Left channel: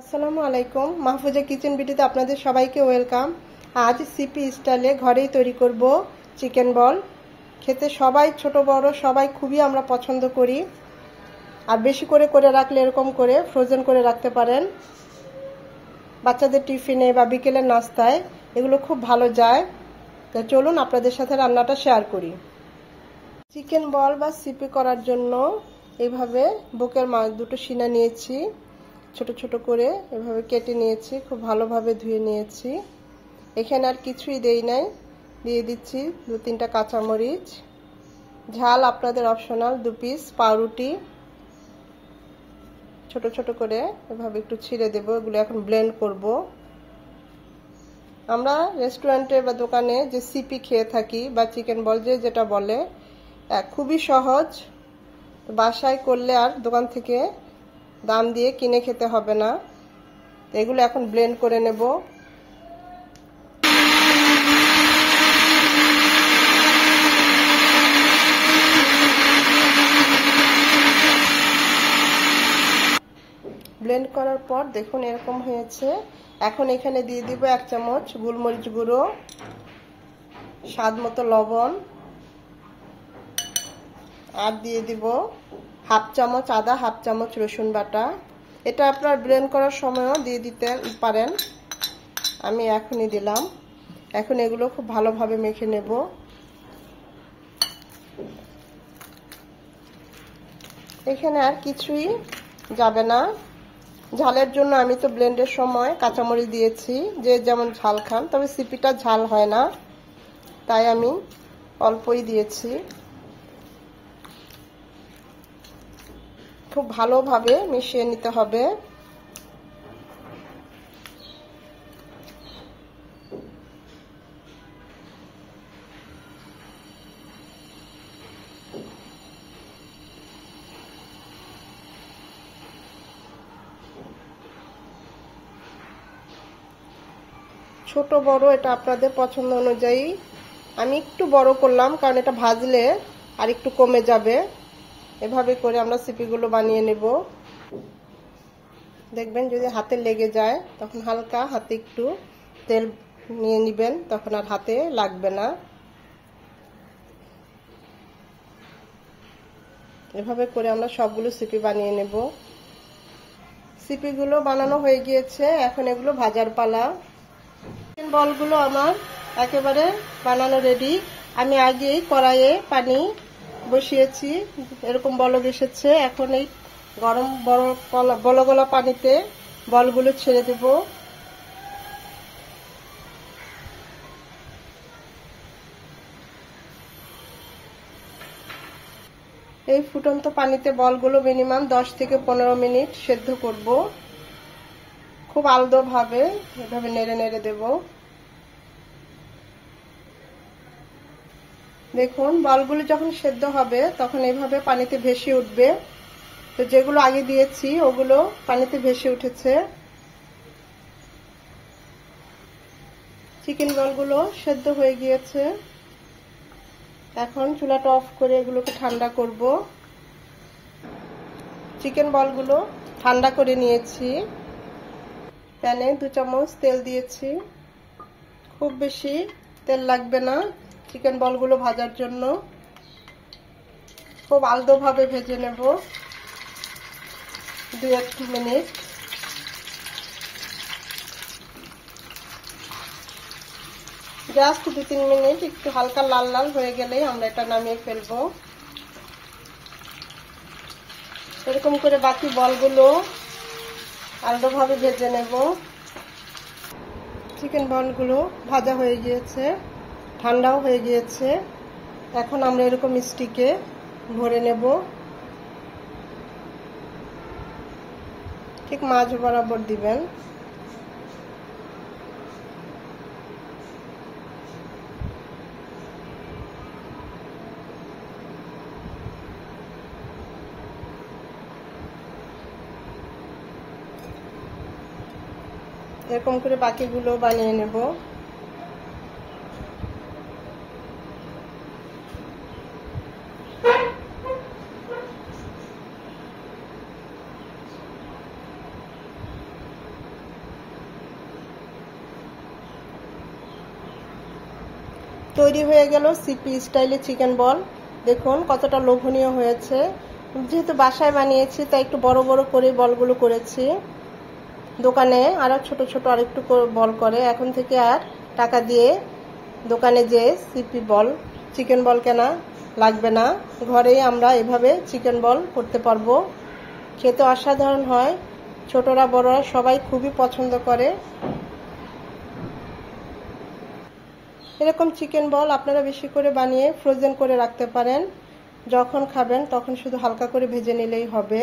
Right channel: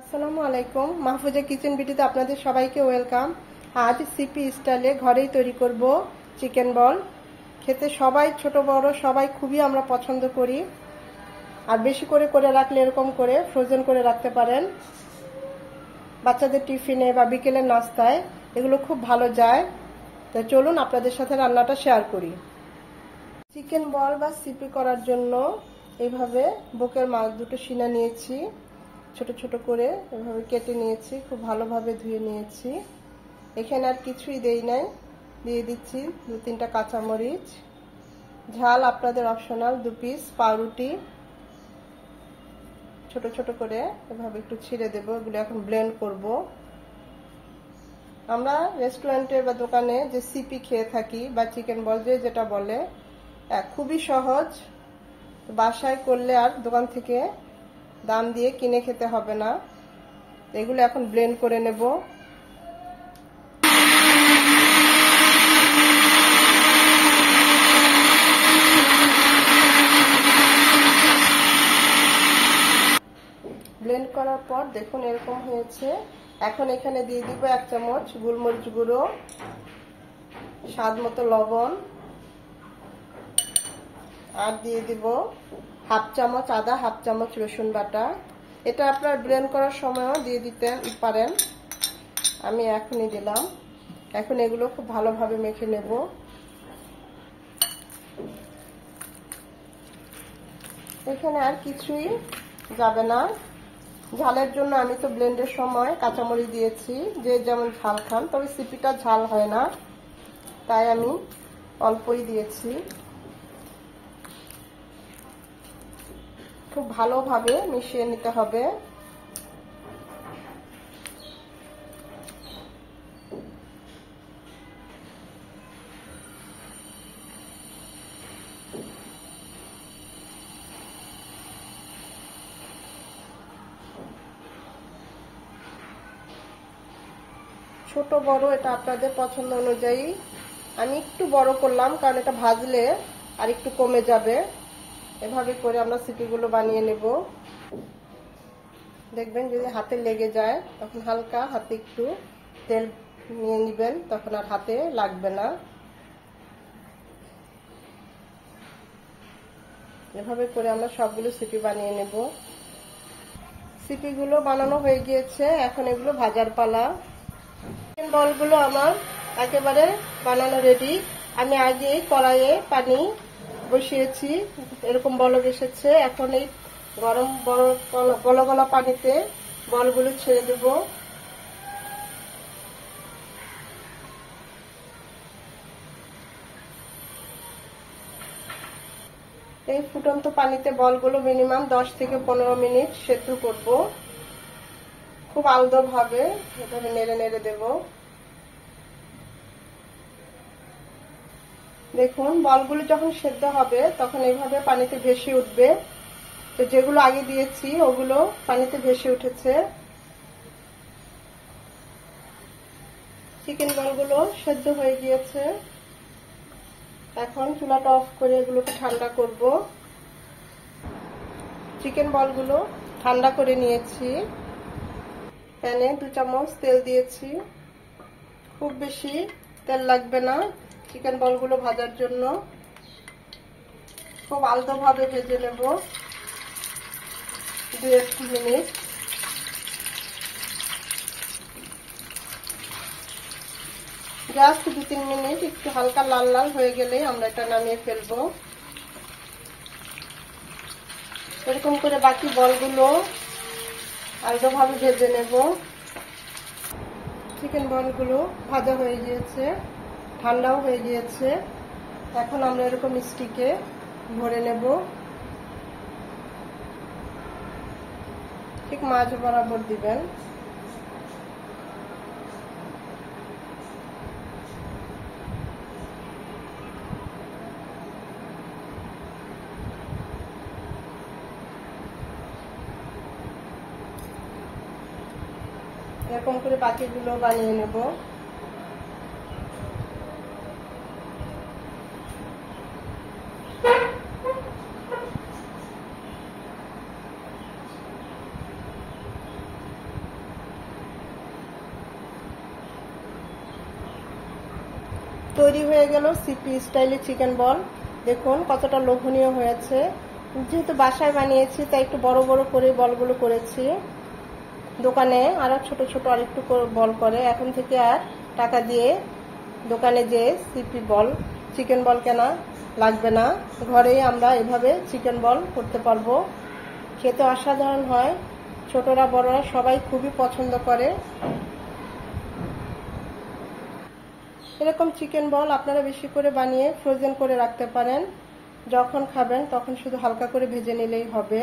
আসসালামু আলাইকুম, মাহফুজা কিচেন বিউটিতে আপনাদের সবাইকে ওয়েলকাম। আজ সিপি স্টাইলে ঘরেই তৈরি করব চিকেন বল। খেতে সবাই ছোট বড় সবাই খুবই আমরা পছন্দ করি। আর বেশি করে করে রাখলে এরকম করে ফ্রোজেন করে রাখতে পারেন। বাচ্চাদের টিফিনে বা বিকেলের নাস্তায় এগুলো খুব ভালো যায়। তো চলুন আপনাদের সাথে রান্নাটা শেয়ার করি। চিকেন বল বা সিপি করার জন্য এইভাবে বুকের মাছ দুটো সিনা নিয়েছি, ছোট ছোট করে এভাবে কেটে নিয়েছি, খুব ভালোভাবে ধুয়ে নিয়েছি। এখানে আর কিছুই দেই নাই, দিয়ে দিচ্ছি 2-3টা কাঁচামরিচ, ঝাল আপনাদের অপশনাল, 2 পিস পাউরুটি ছোট ছোট করে এভাবে একটু ছিঁড়ে দেবো। এগুলো এখন ব্লেন্ড করব। আমরা রেস্টুরেন্টে বা দোকানে যে সিপি খেয়ে থাকি বা চিকেন বল যে যেটা বলে, খুবই সহজ। বাসায় করলে আর দোকান থেকে দাম দিয়ে কিনে খেতে হবে না। এগুলো এখন ব্লেন্ড করে নেব। ব্লেন্ড করার পর দেখুন এরকম হয়েছে। এখন এখানে দিয়ে দিব 1 চামচ গোলমরিচ গুঁড়ো, স্বাদ মতো লবণ, আর দিয়ে দিব 1/2 চামচ আদা, 1/2 চামচ রসুন বাটা। এটা আপনার ব্লেন্ড করার সময়ও দিয়ে দিতে পারেন, আমি এখনই দিলাম। এখন এগুলো খুব ভালোভাবে মেখে নেব। এখানে আর কিছুই যাবে না। ঝালের জন্য আমি তো ব্লেন্ডের সময় কাঁচামরিচ দিয়েছি, যে যেমন ঝাল খান, তবে সিপিটা ঝাল হয় না, তাই আমি অল্পই দিয়েছি। খুব ভালোভাবে মিশিয়ে নিতে হবে। ছোট বড় এটা আপনাদের পছন্দ অনুযায়ী। আমি একটু বড় করলাম কারণ এটা ভাজলে আর একটু কমে যাবে। এভাবে করে আমরা সিপিগুলো বানিয়ে নেব। দেখবেন যদি হাতে লেগে যায় তখন হালকা হাতে একটু তেল নিয়ে নেবেন, তখন আর হাতে লাগবে না। এভাবে করে আমরা সবগুলো সিপি বানিয়ে নেব। সিপিগুলো বানানো হয়ে গিয়েছে, এখন এগুলো ভাজার পালা। বলগুলো আমার একেবারে বানানো রেডি। আমি আগেই কড়াইয়ে পানি বসিয়েছি, এরকম বলক এসেছে। এখন এই গরম বলগলা পানিতে বলগুলো ছেড়ে দেব। এই ফুটন্ত পানিতে বলগুলো মিনিমাম 10 থেকে 15 মিনিট সেদ্ধ করব। খুব আলতো ভাবে এভাবে নেড়ে নেড়ে দেব। দেখুন বলগুলো যখন সেদ্ধ হবে তখন এইভাবে পানিতে ভেসে উঠবে। তো যেগুলো আগে দিয়েছি ওগুলো পানিতে ভেসে উঠেছে। চিকেন বলগুলো সেদ্ধ হয়ে গিয়েছে। এখন চুলাটা অফ করে এগুলোকে ঠান্ডা করব। চিকেন বলগুলো ঠান্ডা করে নিয়েছি। প্যানে 2 চামচ তেল দিয়েছি। খুব বেশি তেল লাগবে না চিকেন বলগুলো ভাজার জন্য। খুব আলতোভাবে ভেজে নেব 2-3 মিনিট। জাস্ট 2-3 মিনিট একটু হালকা লাল লাল হয়ে গেলে আমরা এটা নামিয়ে ফেলবো। এরকম করে বাকি বলগুলো আলতোভাবে ভেজে নেব। চিকেন বলগুলো ভাজা হয়ে গিয়েছে, ঠান্ডাও হয়ে গিয়েছে। এখন আমরা এরকম স্টিকে ভরে নেব, ঠিক মাঝ বরাবর দিবেন। এরকম করে বাকিগুলো বানিয়ে নেব। তৈরি হয়ে গেল সিপি স্টাইলে চিকেন বল। দেখুন কতটা লোভনীয় হয়েছে। যেহেতু বাসায় বানিয়েছি তাই একটু বড় বড় করে বলগুলো করেছি। দোকানে আর ছোট ছোট আরেকটু বল করে। এখন থেকে আর টাকা দিয়ে দোকানে যে সিপি বল চিকেন বল কেনা লাগবে না, ঘরেই আমরা এভাবে চিকেন বল করতে পারবো। খেতে অসাধারণ হয়, ছোটরা বড়রা সবাই খুবই পছন্দ করে। এরকম চিকেন বল আপনারা বেশি করে বানিয়ে ফ্রোজেন করে রাখতে পারেন। যখন খাবেন তখন শুধু হালকা করে ভেজে নিলেই হবে।